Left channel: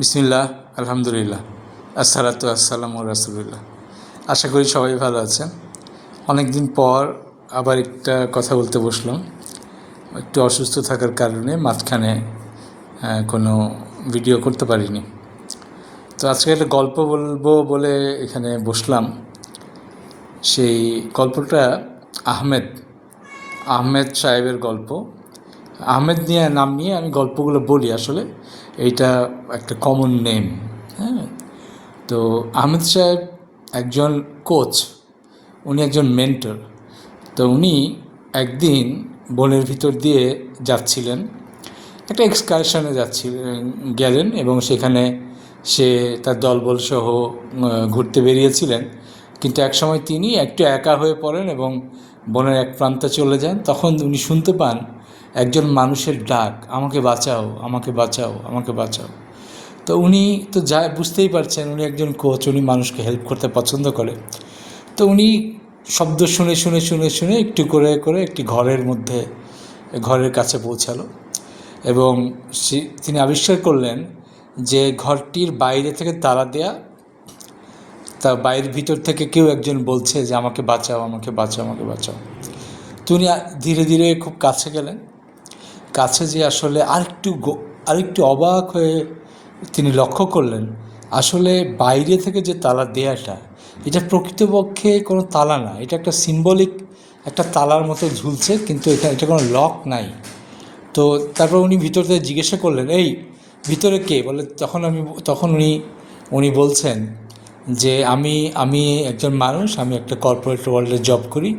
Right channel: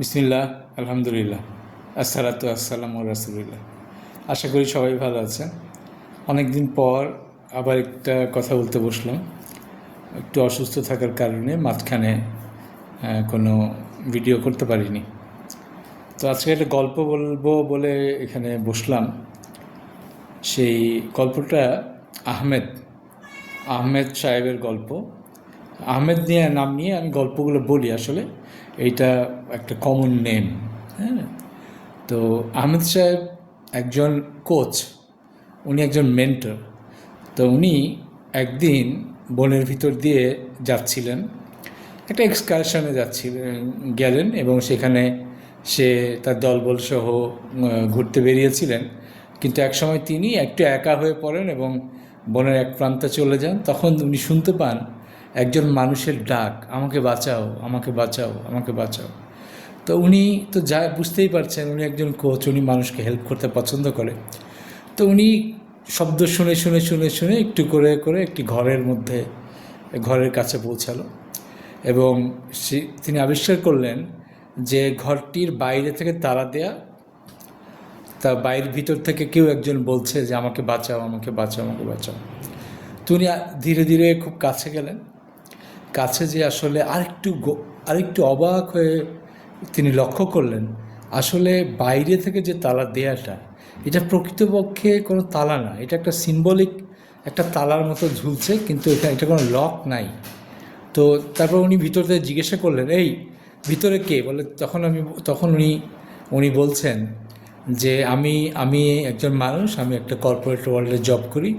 বিসমিল্লাহ, আলহামদুলিল্লাহ, আসসালাতু আসসালামু রাসূলুল্লাহ। আশা করি সবাই ভালো আছেন। অনেক দিন পর আবার একটা কথা বলতে বসলাম। একটু অসুস্থ থাকার কারণে মাঝখানে কোনো ভিডিও করতে পারিনি। তো আজকে একটা গল্প বলবো বলে এখানে বসলাম। সেই গল্পটা আহমেদ আহমেদ সাহেবের গল্প। আহমেদ নাম নিয়ে আমি গল্পগুলো বলি। আসলে এইটা একটা কমন নেম। হ্যাঁ, তো আহমেদ সাহেব একজন কোচ, উনি একজন মেন্টর। তো উনি একদিন বনের ভিতর দিয়ে যাচ্ছিলেন, একটা এক্সকারশনে গেলেন এবং সেখানে সে তার দলবল সহ ঘুরতে বেরিয়েছিলেন। কিন্তু একসময় তিনি একটু একা হয়ে পড়েন এবং বনের এক প্রান্তে চলে যান। তখন উনি শুনতে পান একজন মানুষের ডাক, আমাকে বাঁচাও, আমাকে বাঁচাও, আমাকে বাঁচাও। তো উনি তো যা বুঝতেই পারছেন, উনি একজন কোচ, উনি মানুষকে হেল্প করতে পছন্দ করে। তো উনি শব্দ শুনে শুনে শুনে শুনে একটু করে করে একটি ঘরের কাছে পৌঁছালো এবং তিনি আবিষ্কার করলেন যে ঘরটির বাইরে থেকে তালা দেয়া, তা বাইরের ভিতর থেকে কেউ একজন বলছে যে আমাকে বাঁচাও, আমাকে বাঁচাও, আমাকে বাঁচাও। তো উনি ধীরে ধীরে খুব কাছে গেলেন। কাছে যে আসলে আরেকটু অবাক হয়ে তিনি লক্ষ্য করলেন, আসলে বাইরে থেকে যে তালা দেয়াটা, এটা প্রকৃতপক্ষে কোনো তালা না, এটা একটা সিম্বলিক একটা তালার মতো ঝুলছে, কিন্তু এটা কোনো লক নাই। তো তারপর উনি ভিতর থেকে জিজ্ঞাসা করলেন, এই ভিতরে কে? বলে তখন উনি বলছেন যে আমি একজন মানুষ, আমি একটা কর্পোরেট ওয়ার্ল্ডে জব করি,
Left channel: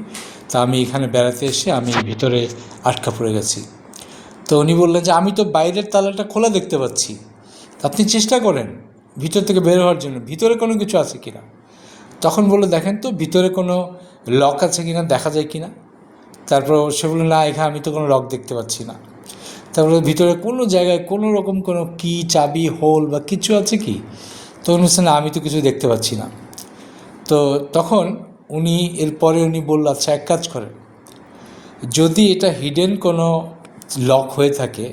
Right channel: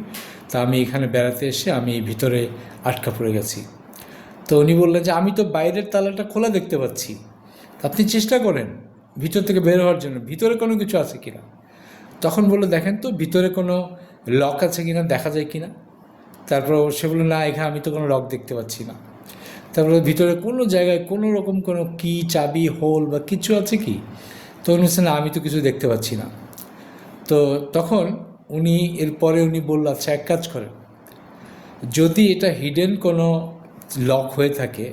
তা আমি এখানে বেড়াতে এসে আমি ভিতরে আটকা পড়ে গেছি। তো উনি বললেন যে আমি তো বাইরের তালাটা খোলা দেখতে পাচ্ছি, আপনি চেষ্টা করেন ভিতর থেকে বের হওয়ার জন্য, ভিতরে কোনো কিছু আছে কিনা। তখন বললো, দেখেন তো ভিতরে কোনো লক আছে কিনা, দেখা যায় কিনা। তারপর সে বললো, না, এখানে আমি তো কোনো লক দেখতে পাচ্ছি না। তারপরে ভিতরে কোনো জায়গায় কোনো রকম কোনো কি, চাবি, হোল বা কিছু আছে কি? তো উনি বলছেন, না, আমি তো কিছু দেখতে পাচ্ছি না। তো তখন এরপরে উনি বলল, আচ্ছা এক কাজ করেন, যদি এটা হিডেন কোনো লক হয়ে থাকে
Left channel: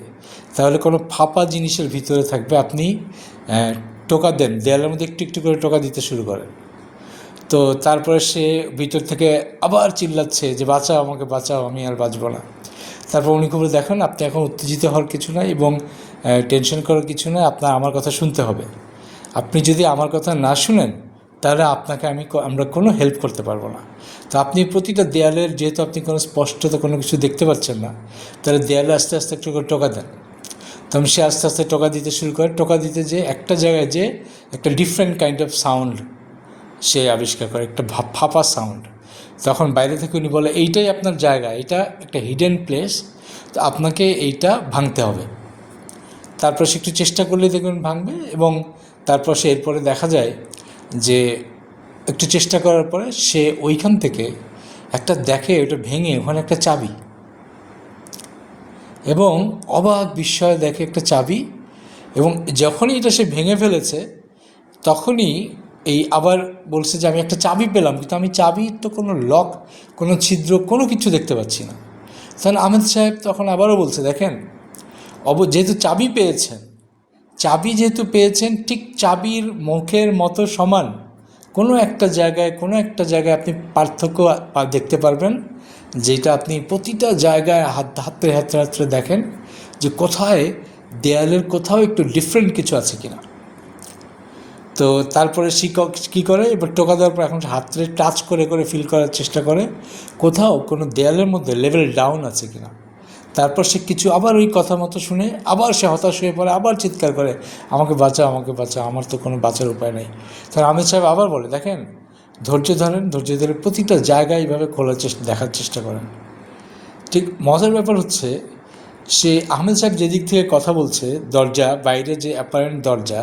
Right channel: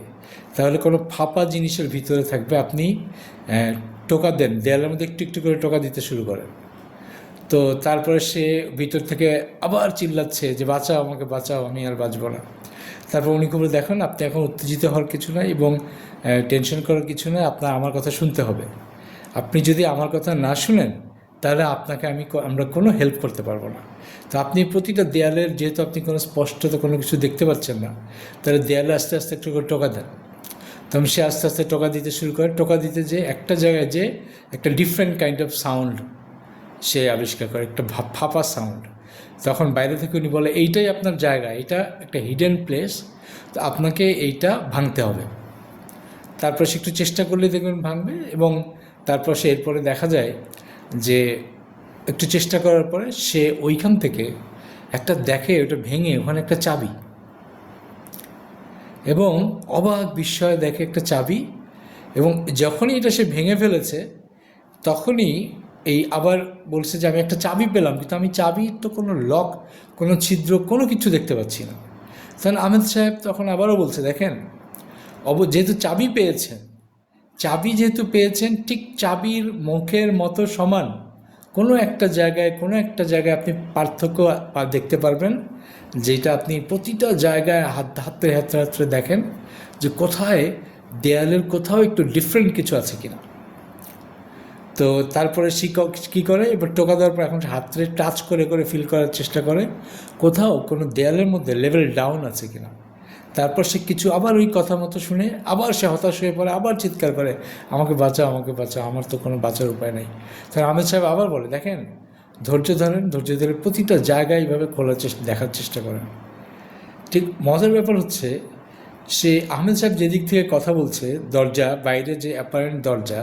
তাহলে কোনো ফাঁপা জিনিসের ভিতরে থাকবে, আপনি টোকা দেন, দেয়ালের মধ্যে একটু একটু করে টোকা দিতে শুরু করেন। তো তারপরে সে ভিতর থেকে আবার চিল্লাচ্ছে যে বাঁচাও, আমাকে বাঁচাও, আমি আর বাঁচব না। তারপর উনি খুব দেখেন, আপনি এখন উত্তেজিত হওয়ার কিছু নয় এবং টেনশন করার কিছু নয়, আপনার আমার কথা শুনতে হবে। আপনি যদি আমার কথা না শুনেন তাহলে আমরা কোনো হেল্প করতে পারবো না। তো আপনি প্রতিটা দেয়ালের, যেহেতু আপনি কোনো স্পষ্টত কোনো কিছু দেখতে পাচ্ছেন না, তাহলে দেয়ালে আস্তে আস্তে একটু করে টোকা দেন। তখন সে আস্তে আস্তে টোকা দিতে শুরু করে। টোকা দিতে যে একটা জায়গায় যে একটা ডিফারেন্ট কাইন্ড অফ সাউন্ড সে আবিষ্কার করে, একটা ফাঁপা সাউন্ড। তখন বাইরে থেকে উনি বলে, এইটাই আপনার জায়গা, এটা একটা হিডেন প্লেস, তো আপনাকে এইটা ভাঙতে হবে। তারপর সে একটু চেষ্টা করলে দেখবেন ভাঙবে, এবং তারপর সে এরপরে দেখা যায় যে একটু চেষ্টা করার পরে সে ওইখান থেকে একটা দেখে, ওটা ভেঙে ওখানে একটা চাবি, এবং অবাক বিস্ময় দেখে একটা চাবি। এবং যখনই এটা সে ভেঙে ফেলেছে তখনই আবার বলছে যে আমি একটা চাবি পেলাম, কিন্তু আমি চাবির তো কোনো লক, কোনো ছিদ্র, কোনো কিছু দেখতে পাচ্ছি না। তখন আহমেদ সাহেব তখন আবারও বলছে, দেখেন, যেহেতু যেহেতু পেয়েছেন, ঠিক চাবির মুখের মতো সমান কোনো একটা জায়গায় আপনি পার্থক্য দেখতে পারবেন, যেটা আপনি প্রতিটা জায়গায় হাতড়ে হাতড়ে হাতড়ে দেখেন যে কোথায় দেয়ালের কোথাও একটু ডিফারেন্ট কিছু আছে কিনা। তো তারপরে শিক্ষক কী করে, এবার টোকা দেওয়ার পর এখন হাতড়ে টাচ করে করে ফিল করার চেষ্টা করে কোথাও কোনো দেয়ালের মধ্যে লেভেল ডাউন আছে কিনা। তারপর সে কিছু আবার ওই কথা মতো শুনে আবার সে হতাশ হয়ে পড়ে, আবার চিৎকার করে, আমাকে বাঁচাও, আমাকে বাঁচাও, আমার তো কোনো বাঁচার উপায় নেই। তার আহমেদ সাহেব আবার বলে, দেখেন, ধৈর্য ধরে প্রতিটা জায়গায় এইভাবে দেখার চেষ্টা করেন। ঠিক মজার ব্যাপার হচ্ছে, সে আহমেদ সাহেব যেদিক থেকে কথা বলছে, দরজা, বাইরে যে অ্যাপারেন্ট দরজা,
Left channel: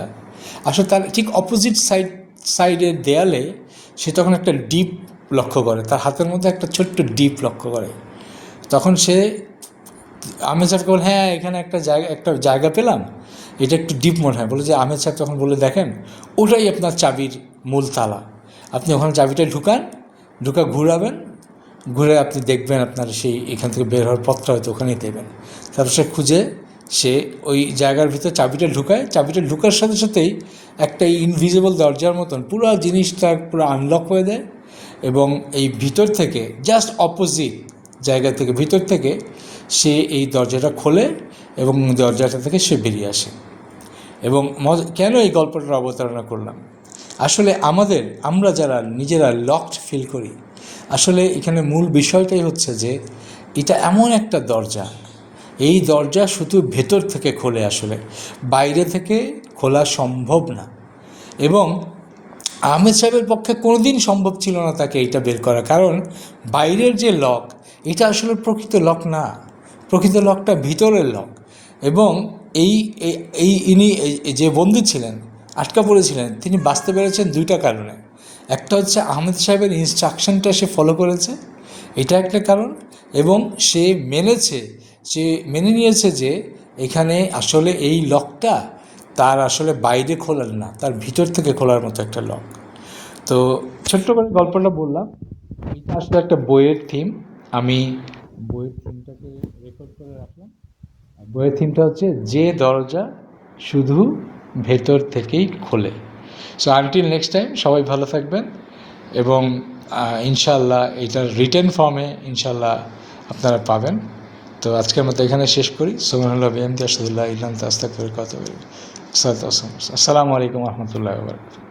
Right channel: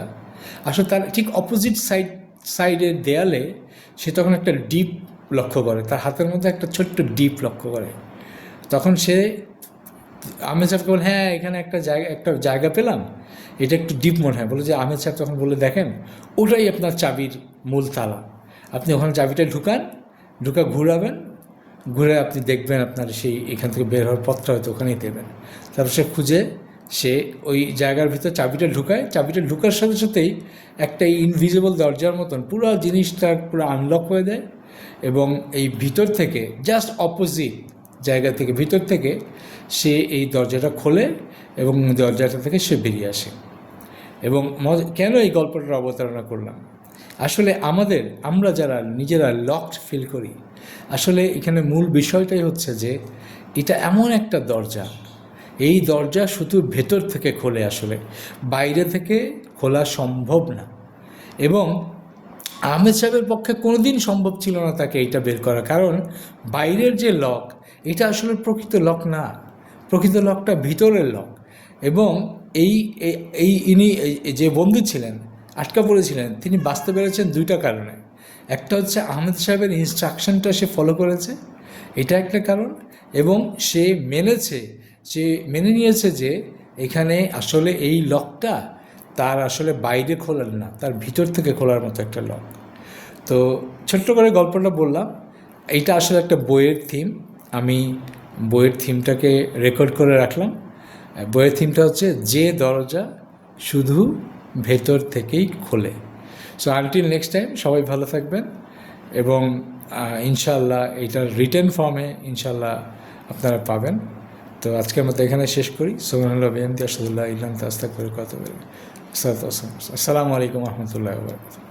আসলে তার ঠিক অপোজিট সাইডের দেয়ালে সে তখন একটা ডিপ লক্ষ্য করে, তার হাতের মধ্যে একটা ছোট্ট ডিপ লক্ষ্য করে। তখন সে আহমেদ সাহেবকে বলে, হ্যাঁ, এখানে একটা জায়গা পেলাম, এটা একটু ডিপ মনে হয়। বলে যে আহমেদ সাহেব তখন বলে, দেখেন, ওটাই আপনার চাবির মূল তালা, আপনি ওখানে চাবিটা ঘুরাবেন, ঘুরে আপনি দেখবেন আপনার এখান থেকে বের হওয়ার পথটা হয়তো ওখানেই দেবেন। তারপর সে খুঁজে সে ওই জায়গার ভিতরে চাবিটা ঢুকায়, চাবিটা ঢুকার সাথে সাথেই একটা ইনভিজিবল দরজার মতন পুরো জিনিসটা পুরো আনলক হয়ে দেয়, এবং এই ভিতর থেকে জাস্ট অপোজিট জায়গা থেকে ভিতর থেকে সে এই দরজাটা খোলে এবং দরজাটা থেকে সে বেরিয়ে আসে। এবং কেন এই গল্পটার অবতারণা করলাম, আসলে আমরা যারা নিজেরা লকড ফিল করি, আসলে এখানে মূল বিষয়টাই হচ্ছে যে এটা এমন একটা দরজা, এই দরজা শুধু ভেতর থেকে খোলে, আসলে বাইরে থেকে খোলা সম্ভব না। এবং আহমেদ সাহেবের পক্ষে কোনোদিন সম্ভব ছিল না তাকে এইটা বের করা, কারণ বাইরের যে লক এটা আসলে প্রকৃত লক না, প্রকৃত লকটা ভিতরের লক। এবং এই এই ইনি যে বন্দী ছিলেন, আটকা পড়েছিলেন, তিনি বাঁচতে পেরেছেন দুইটা কারণে। একটা হচ্ছে আহমেদ সাহেবের ইনস্ট্রাকশনটা সে ফলো করেছে, এটা একটা কারণ, এবং সে মেনে নিয়েছে যে এখানে আসলে এই লকটা তার আসলে বাইরে খোলার না, তার ভিতর থেকে খোলার মতো একটা লক। তো ছোট্ট করে গল্পটা বললাম, এইটা আসলে একটা বইয়ের থিম, আমি বইয়ের থিমটাকে রেকর্ড করে রাখলাম। বইয়ের থিমটা হচ্ছে যে দরজা শুধু ভেতর থেকেই খোলে। সো আনটিল নেক্সট টাইম, সবাই ভালো থাকবেন, এবং ইনশাল্লাহ এইটার রিটেন ফর্মে ইনশাল্লাহ আপনারা পাবেন। তো আজকের মতো এখানে শেষ করি। সুবহানাল্লাহ বিহামদিহি আশহাদু আল্লা ইলাহা ইল্লা আনতা আস্তাগফিরুকা ওয়া আতুবু ইলাইক। আসসালামু আলাইকুম ওয়া রাহমাতুল্লাহি ওয়া বারাকাতুহু।